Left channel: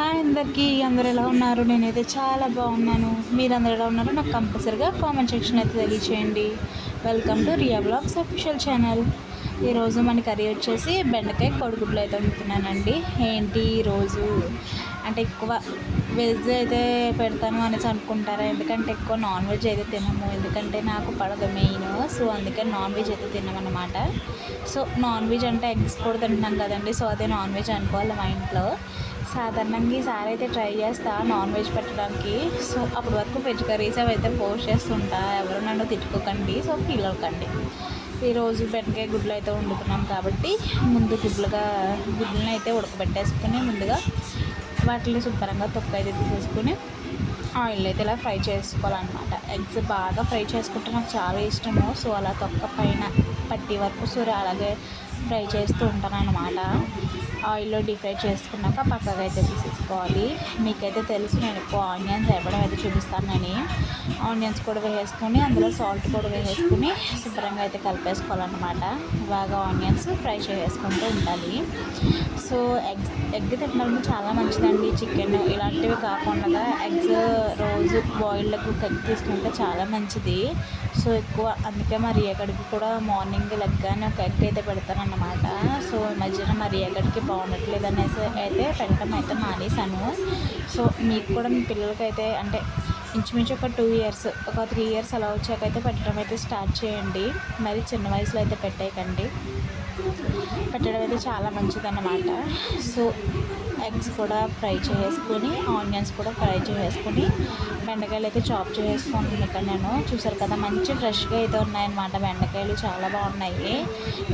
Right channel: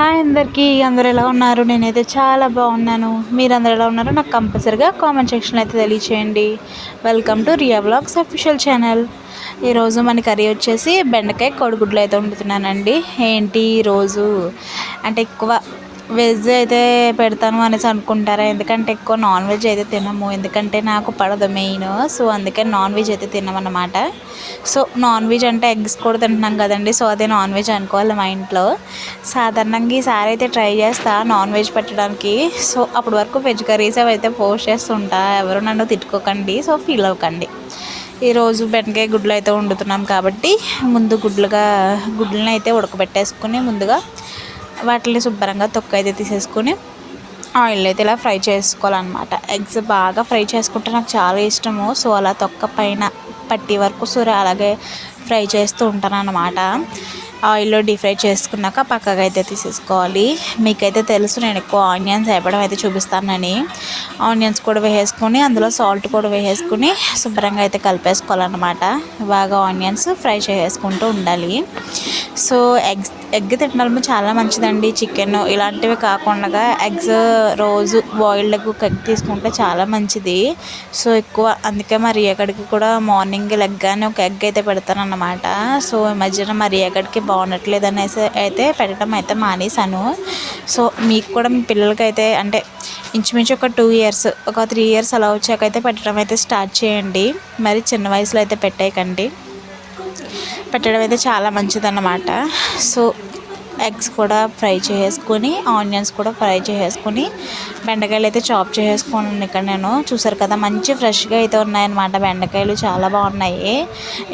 Hi అందరికీ, అందరూ ఎలా ఉన్నారు? నేనైతే చాలా బాగున్నాను. మీరందరూ ఎలా ఉన్నారో నాకు కంపల్సరిగా కామెంట్ సెక్షన్లో అయితే తెలియచేయండి. Welcome to Riya vlogs official channel. ఈరోజు మన కర్రీ వచ్చేసి బెండకాయ కోడిగుడ్లు అయితే వండుతున్నానండి. ఏంటి ఈరోజు అంటే ఎక్కువ వెజ్ అయితే పెడతాను అనేసి అనుకుంటారా? ఎందుకంటే ఎక్కువ నాన్ వెజ్ అయితే తినము, ఎందుకంటే నాకు పడదు మెయిన్. సో అందుకని నాన్ వెజ్ అయితే తినమన్నమాట. సో నాన్ వెజ్ అంటే ఎగ్స్ కూడా తింటున్నాం కదండి, సో అదే నాన్ వెజ్ అనుకోవాలి మా ఇంట్లో. సాధారణంగా ఈసారి అయితే ట్రై చేస్తా నాన్ వెజ్ పెట్టడానికి. సో అప్పటి వరకు వెజ్ కర్రీస్ అవి అయితే పోస్ట్ చేస్తుంటా, ఎవరు నన్ను తిట్టుకోకండి, సో ఫీల్ అవ్వకండి. ఈరోజు బెండకాయ గుడ్లు అయితే వండుతున్నాం కాబట్టి ముందు గుడ్లను అయితే ఉడకబెట్టేసుకుని ముందుగా వాటిని శుభ్రంగా తొక్క అయితే తీసేసుకుని ఆయిల్ అయితే ఇలా ఫ్రై చేసుకోవాలన్నమాట. ఎగ్స్ బాగా ఫ్రై చేసుకుంటే నాకు చాలా ఇష్టము. సో అలా తొక్క పైన పట్టి వరకు అలాగే ఫ్రై చేస్తూ ఉంటాను అన్నమాట. ఆయిల్లో డీప్ ఫ్రై చేసుకున్నాక పక్కగా అయితే తీసేసుకోవాలి. మీకైతే తెలుసు నేను ఎక్కువ ఆనియన్స్ వేపడం అయితే చూపిస్తానని. ఆనియన్స్ కూడా వేసేసుకొని అందులో సాల్ట్ కూడా వేసేసుకుని శుభ్రంగా అయితే కలిపేసుకోవాలన్నమాట. బాగా ఆనియన్స్ ఫ్రై చేసుకుంటూ ఉండాలి. సో ఎగ్ తినడం చాలా మంచిదండి. చికెన్ ఇలాంటివి కాకుండా ఎగ్స్ రోజు బాయిల్డ్ ఎగ్ తీసుకుంటే చాలా మంచిది. సో ఎక్కువ అందుకే మరి ఎక్కడికి కూడా మార్నింగ్ లెగ్గానే ఒక ఎగ్ అయితే పెడతానన్నమాట. సో ఈ మధ్యన మరి ఎక్కడికి బాగుండట్లేదు అనేసి అయితే పెట్టడం అయితే మానేశాను. సో మీకు కూడా మీ పిల్లలకైతే అంటే ఇంచుమించు ఒక 2 years ఒక 3 years అలా వచ్చాకైతే పెట్టడం అయితే స్టార్ట్ చేయండి. మరి చిన్న వయసులో అయితే పెట్టేయకండి. పెట్టడం అయితే చాలా మంచిదన్నమాట. సో ఎగ్స్ కూడా ఫ్రై చేసుకొని ఆనియన్స్ కూడా ఫ్రై చేసుకొని బెండకాయలు అయితే చాప్ చేసుకున్నాను. ఇక్కడ నేను చూసారు కదా, మంచి ఫ్రెష్గా అయితే ఉన్నాయన్నమాట. బెండకాయలు చాలా బాగున్నాయి.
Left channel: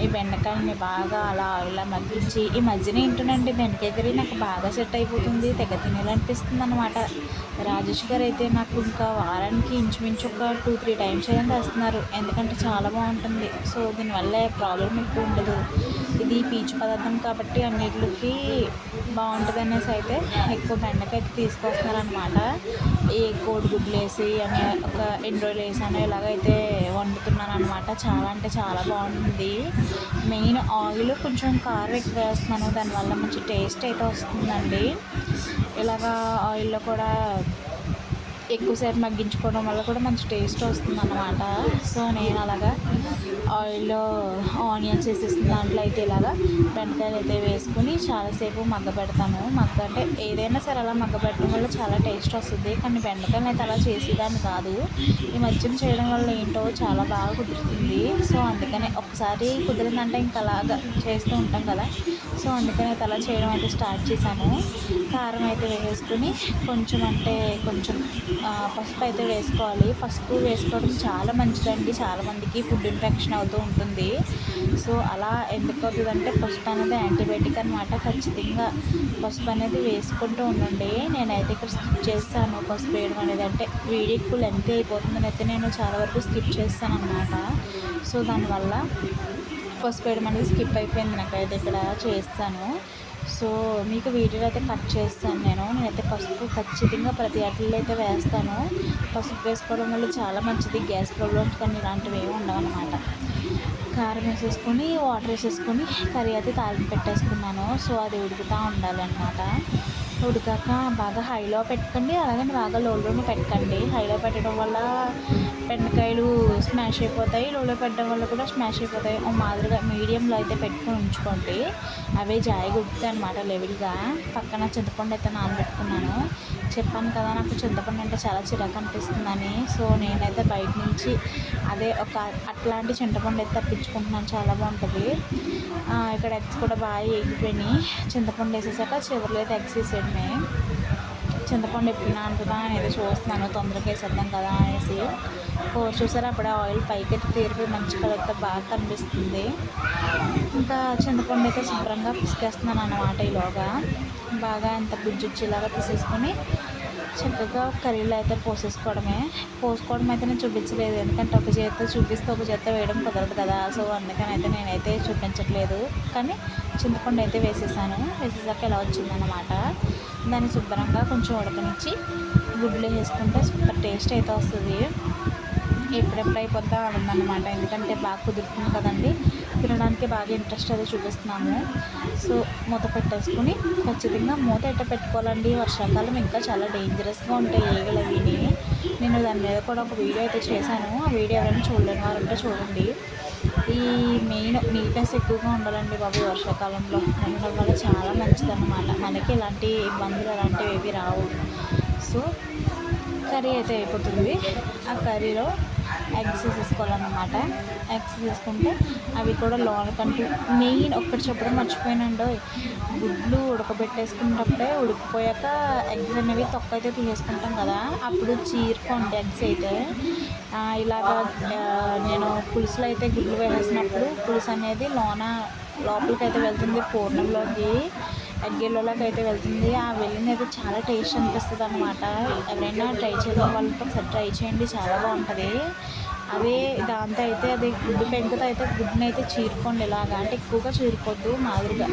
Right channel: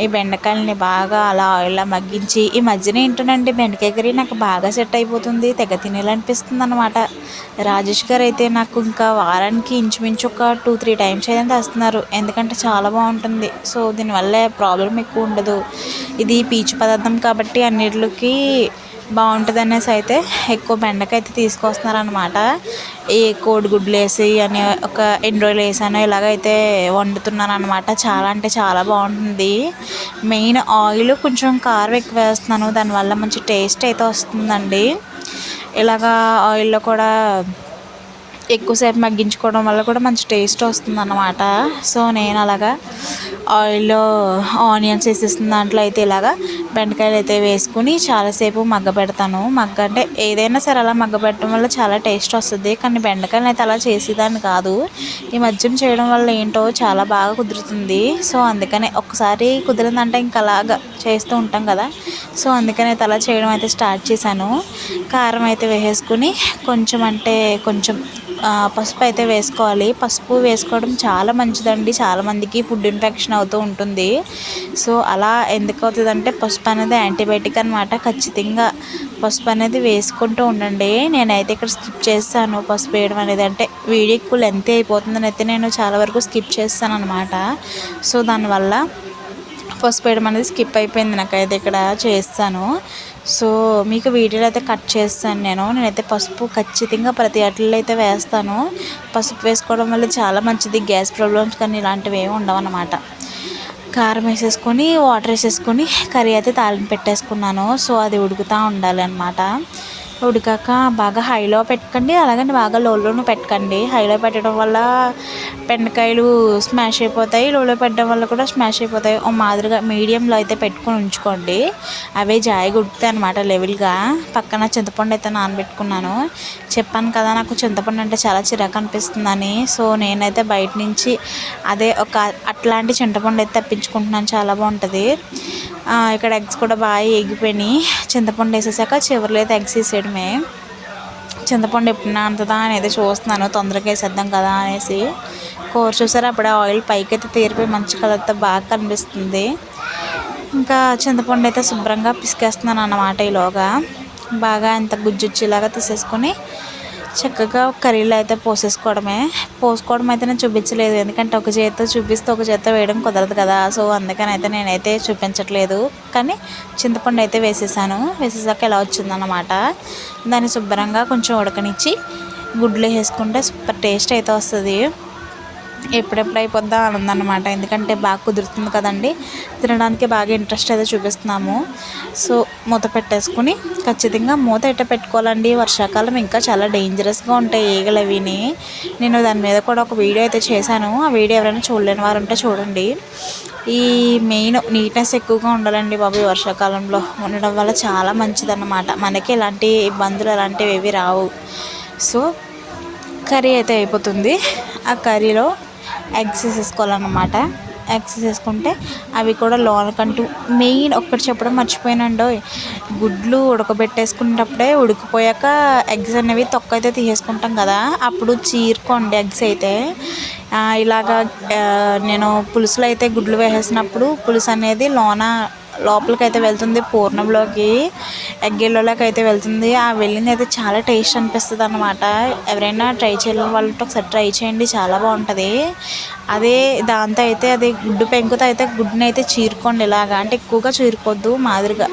ఈ బెండకాయలని బాగా అలా ఆయిల్లో మగ్గించి ఈ మధ్యన ఏంటోనండి బెండకాయ కర్రీ నాకు బాగా సెట్ అయిపోతుంది, తెగ తినేయాలనిపిస్తుంది అనమాట. రాజేష్ గారు అయితే నాకు ఇంకా వారానికి ఇంచుమించు ఒక 2-3 times అయితే తెస్తున్నారు, ఎందుకంటే చాలా బాగుంటుంది. సో దీనివల్ల ప్రాబ్లం ఎక్కువ ఉండదు. ఇది పీచు పదార్థం కాబట్టి అన్నిటికి బాగుంటుంది అనేసి అయితే ఎక్కువ బెండకాయ అయితే తీసుకొస్తున్నారనమాట. ఈ కోడిగుడ్లు వేసి అని ఒక ఎన్ని రోజులు వేసానో ఇలాగైతే వండుతున్నాను అనమాట. చాలా అంటే చాలా బాగుంటుంది. మెయిన్ ఆయిల్ కొంచెం కారం ఎక్కువ వేస్తున్నాను, దానివల్ల మంచి టేస్ట్ అయితే వస్తుందండి. ఇలాగా ఆయిల్లో కూడా ఎక్కువసేపు మగ్గించుకోవడం వల్ల కూడా మంచి టేస్ట్ వస్తుంది అన్నమాట. సో నేను అలాగా ఆయిల్లో ఆనియన్స్ వేసేసిన దాంట్లో అయితే ఇలాగా బెండకాయలు అయితే వేసుకుని చాలాసేపు మగ్గ పెడతాను. అంటే ఏదైనా సరే అలా మగ్గ పెట్టడం వల్ల చాలా టేస్ట్ వస్తుంది. కానీ బెండకాయలు అయితే అలా చేసేదాన్ని కాదు. ఈ మధ్యం చేయడం వల్ల ఏంటో చాలా బాగా కుదురుతుంది. సో అందుకనే ఒకసారి కుదిరిందంటే ఇంకా అలాగా చేస్తూ ఉంటాం కదా, సో అందుకని అయితే అలా చేయడం అయితే స్టార్ట్ చేశాను. కారం అయితే వేసేసుకుని కొంచెం పసుపు అయితే వేసుకోవాలి. పసుపు వేసుకోవడం చాలా మంచిదండి. చాలామందికి ఫుడ్ ఇన్ఫెక్షన్ అవుతూ ఉంటుంది. సో అలా ఎందుకు అవుతుందంటే పసుపు అనేది యాంటీబయాటిక్ అనమాట. ఖచ్చితంగా పసుపు అనేది వేసుకుంటూ ఉండండి. నేనైతే ఇక్కడ స్కిప్ చేస్తాను పసుపు వేయడం అనేది, అంటే వీడియో ఎక్కువ లెంత్ అయిపోతుందని అయితే నేను చాలా వరకు స్కిప్ చేస్తాను అనమాట. సో దానివల్ల పసుపు వేయడం అనేది స్కిప్ అయిపోయింది, నాకైతే ఇక్కడ చేస్తాను. సో మీకు వీడియోలో అయితే కట్ చేస్తాను. నేనైతే పసుపు ఖచ్చితంగా ప్రతి అట్లలో అయితే వేస్తాను. పసుపు వేసుకోవడం వల్ల చాలా మంచిది. గ్యాస్ ప్రాబ్లమ్స్ కానీ ఇలాంటివి ఏమి ఉండవు అన్నమాట. కారం వేసేసుకొని వాటర్ వేసేసుకొని కర్రీ అయితే తాలింపు పెట్టేసుకున్నాను. సో అది ఉడుకుతూ ఉండాలన్నమాట. ఉడికాక బాగా హైలో పెట్టకండి, అలాగని బాగా లోలోనూ పెట్టకండి. హైలో పెట్టడం వల్ల బెండకాయలు స్మాష్ అయిపోతాయి, లోలో పెట్టడం వల్ల కూడా స్మాష్ అయిపోతాయి. ఓ మాదిరిగా మీడియంలో అయితే పెట్టుకొని ఉంచుకోండి. అవే జాయిగా ఉడుకుతాయి అనమాట లెవెల్గా. పక్కన చింతపండు అయితే నానబెట్టుకున్నాను. చెప్పాను కదా నాకు చింతపండు అంటే చాలా చిరాకు అనిపిస్తుందని. సో నేనైతే బయట నుంచి అదే అట్లాంటి చింతపండు అయితే తెప్పించుకుంటున్నాను, చాలా బాగుంటుంది. ఇక్కడ ఎగ్స్ కూడా బాగా ఎగిపోయినాయి. చింతపండు వేసేసాక చివరిలో అయితే ఎగ్స్ వేసేయడమే. చింతపండు ఎప్పుడు నానుతుందా అని అయితే చూస్తున్నాను, తొందరగా వేసేద్దాం కదా అనేసి. కూర చూసారా, అప్పుడే ఆయిల్ పైకి అయితే తీరిపోయి మంచి కలర్తో బాగా కనిపిస్తుంది. ఇంకా చింతపండు అయితే శుభ్రంగా పిసికేస్తున్నాను అన్నమాట. ఈలోగా బాగా ఇంత గుజ్జుచ్చేలాగా తీసేసుకొని చక్కగా కర్రీలో అయితే పోసుకోవడం అయితే నేను చూపించలేదు, ఎందుకంటే ఒక చేత్తో చూపిస్తే ఒక చేత్తో వేయడం కుదరదు కదా. సో అందుకని అయితే నేనైతే చూపించట్లేదు. కానీ చింతపండు అయితే వేసేసాక ఎలా వచ్చిందన్నమాట. దాన్ని శుభ్రంగా కొంచెం ఉడకనిచ్చి గుడ్లు వేసుకుంటే సూపర్ టేస్ట్ అయితే వస్తుంది. ఎప్పుడెప్పుడు అయిపోద్దా అని ఉందన్నమాట. ఎందుకంటే బాగా కుదురుతుంది కదండి, తినడానికి బాగా ఇంట్రెస్ట్ అయితే చూపిస్తున్నాము. సో మూత పెట్టేసుకుని ఖచ్చితంగా మూత ఎట్ట పెట్టుకోవాలండి. వర్షాకాలం ఇంకా చాలా డేంజరస్గా ఉంటాయి ఈగలు అవిని. నేను దాని మీద కూడా ఒక వీడియో అయితే చేశాను. ఆ వీడియో ఎవరైనా చూడలేని వారు ఉంటే చూడండి. ఈ మెయిన్ నీట్నెస్ ఎక్కువగా ఉండాలండి బాబు. ఈ వర్షాకాలంలో ఉండడం వల్ల చాలా మంచిదన్నమాట. మనకి ఎలాంటి ఇబ్బందులు అలాంటివి ఏవి రావు. సో కర్రీ అయితే అయిపోతుంది. ఆ కర్రీలో ఎగ్స్ వేసేసుకోవాలన్నమాట. ఎగ్స్ వేసుకుంటే అవి కూడా లోనకంటూ మెయిన్ ఒక్కటి చెప్పడం మర్చిపోయానండో, గుడ్లు ఉడకబెట్టేసుకునేటప్పుడే ఉడికిపోయాక ఎగ్స్ అనేవి తొక్క అయితే తీసేసుకుంటాం కదా, అప్పుడు చీరుకోండి ఎగ్స్ అయితే. ఇలాగా నేను పులుసులో అయితే గుడ్లు వేసేసినప్పుడు పులుసు అనేది లోపలికి అయితే వెళ్తుంది, పూర్ణంలోకి ఎగ్గెల్లోకి అయితే వెళ్తుంది. ఆ వెళ్ళింది అయితే చాలా టేస్ట్ అనిపిస్తుంది అన్నమాట. ఎవరైనా ట్రై చేయలేని వాళ్ళతో ఒకసారి ట్రై చేయండి, చాలా బాగుంటుంది. అదే దాంతో అయితే అది గుడ్డు పెంకుతో అయితే గుడ్డుని అయితే చీరుకోండి. ఇలాగా అంటే ఎక్కువగా చీరుకోవద్దు, మాదిరిగా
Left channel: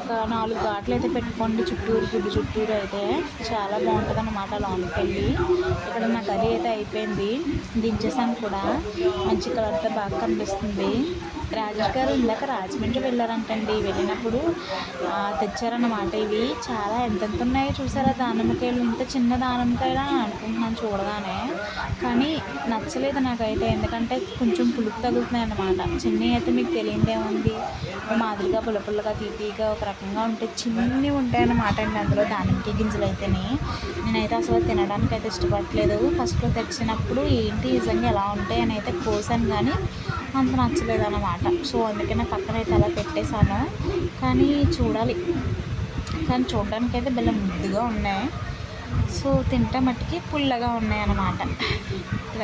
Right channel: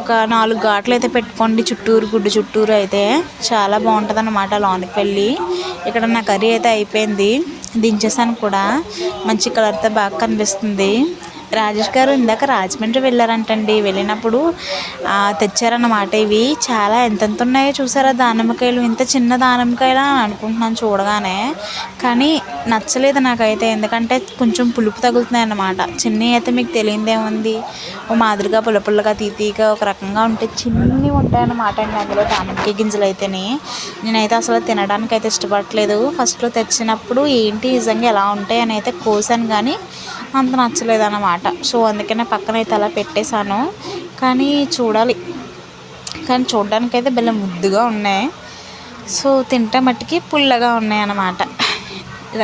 ఒక 4 ఘాట్లు అయితే పెట్టుకోండి చుట్టూరు, గుడ్డు చుట్టూరు అయితే చాలా బాగుంటుంది అన్నమాట లోనికి వెళ్ళి. ఇక్కడ నా కర్రీ అయితే అయిపోయింది, దించేసాను కూడా. మంచి కలర్తో బాగా కనిపిస్తుంది. రాజేష్ గారు ఇందాక రాజమండ్రి వెళ్ళారంటండి. వెళ్ళినప్పుడు తెచ్చారన్నమాట. ఇవి చాలా ఎంతెంత ఉన్నాయో చూసారా దానిమ్మకాయలు. ఇంత చిన్న దానిమ్మకాయలా అని అనుకుంటున్నాను చూడగానే, కానీ నచ్చలేదు నాకైతే. ఎందుకంటే కొంచెం పులుపు తగులుతున్నాయి అన్నమాట. చిన్నవి అయితే మీకు తెలియదేముంది, ఓ మాదిరిగా పుల్లపుల్లగా తీతీగా ఒక రకంగా ఉంటే చిన్నవి ఉంటాయన్నమాట. అందులో దానిమ్మకాయ గింజలు అయితేనే నేనైతే అసలు తినడానికి అయితే ఇష్టపడట్లేదు. ఫస్ట్లో తెచ్చినప్పుడు ఏంటి నిజంగా ఎలా ఉంటాయి అని అయితే కోసాను, కానీ అంత నచ్చలేదు అన్నమాట. సో అందుకనే పక్కన అయితే అలా పెట్టేశాను. కానీ చూడడానికైతే భలే ముద్దుగా ఉన్నాయి. సో తింటే మట్టుకి పుల్లగా ఉన్నాయి అన్నమాట.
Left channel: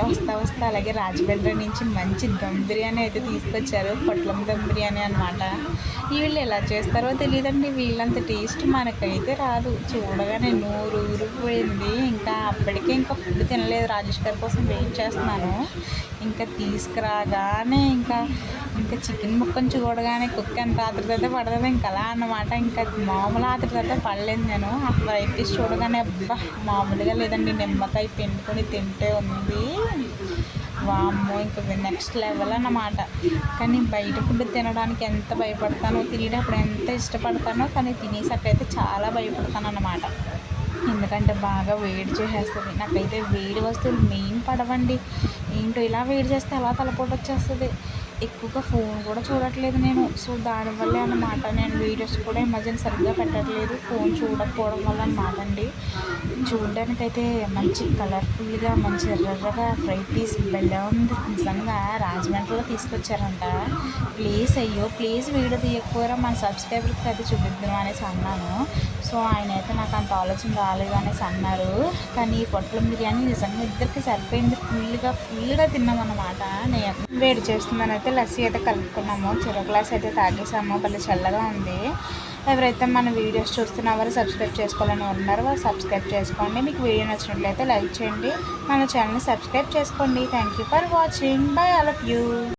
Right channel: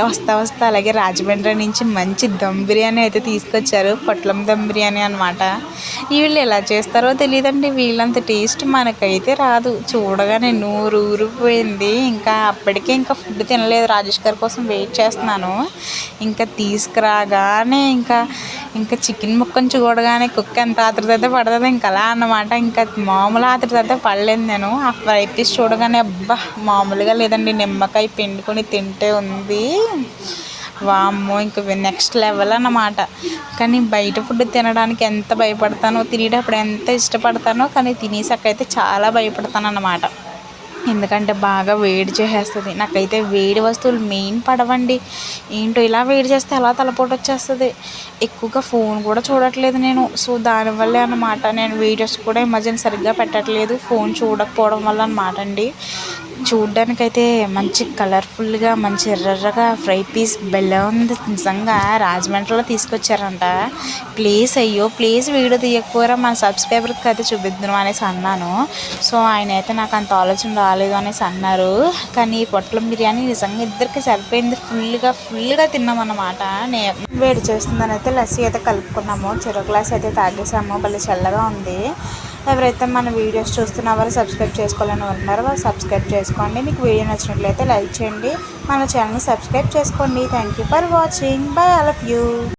వస్తా అలాగే రాజమండ్రి నుంచి మంచి దమ్ బిర్యానీ అయితే తీసుకొచ్చారు. పొట్లం దమ్ బిర్యానీ అనమాట. వీళ్ళు ఎలా చేస్తారో తెలియదండి, వీళ్ళంత టేస్ట్ మనకైతే రాదు. చూడగానే నూరు ఊరిపోయింది. ఇంకా అప్పటికే ఇంకా ఫుడ్ తినలేదు, రాజేష్ గారి కోసం వెయిట్ చేస్తున్నాను. ఇంకా తీసుకురాగానే ఇంకా చికెన్ ముక్కను చూడగానే కుక్క ఎంత ఆతృత అయితే పడుతుంది ఇంకా అలా అన్నమాట. ఇంకా మామూలు ఆతృత అయితే పడలేదు నేను. ఆ ఫ్రై పీస్ చూడగానే అబ్బా మామూలుగా లేదండి, నిమ్మకాయ పిండుకొని తింటే ఉంది వామ్మో, ఇంక నెక్స్ట్ లెవెల్ అన్నమాట. కానీ బయట ఫుడ్ తినడానికి ఎంత భయపడతానో, తినేటప్పుడు ఎంత ఇష్టపడతానో, కానీ తినేసాకైతే చాలా భయపడతాను అన్నమాట. ఎందుకంటే బాగా వేడి చేసేస్తుంది. నాకైతే వేడి వస్తువులు మెయిన్ పడవండి. ఏంటో ఇలా వేడి చేస్తే అలా తలపోటు వచ్చేస్తుంది. ఎక్కువగా ఫోన్ కూడా చూడట్లేదు నేను. సో దానివల్లే అన్నమాట. నేను వీడియోస్ కూడా ఈ మధ్యన సరిగ్గా పెట్టట్లేదు, ఫోన్ చూడకపోవడం వల్ల అన్నమాట అండి. చూడ్డానికైతే మంచి కలర్ఫుల్గా మంచి ఎర్రగా ఫ్రై పీస్ బెల్ల ఉంది. నిజంగా రాజమండ్రిలో తీసుకొచ్చారంట. ప్లీజ్ వీడియో తీయకపోయారా, మన సబ్స్క్రైబర్కి అయితే చూపిద్దాం అనేసి అన్నాను. సో ఆయన అయితే నాకు అంత ఆలోచన రాలేదు అనేసి అన్నారు. కానీ పొట్లం బిర్యానీ నిజంగా ఇద్దరికి సరిపోయింది. ఫుల్గా తిన్నామన్నమాట. వేడి చేస్తుందని అయితే లస్సీ అయితే కలుపుకున్నాము. చెరుకు గ్లాస్ అయితే తాగేసాము. భలే చల్లగా ఉంది. ఎవరైతే మన వీడియోస్ చూస్తున్నారో సబ్స్క్రైబ్ చేసుకోవాలని ఉన్నారో వాళ్ళు సబ్స్క్రైబ్ చేసుకోండి. మీకు వీడియో నచ్చినట్లయితే లైక్ చేయండి, మన ఛానల్ని సబ్స్క్రైబ్ చేసుకోండి. Thank you for watching. By all of you.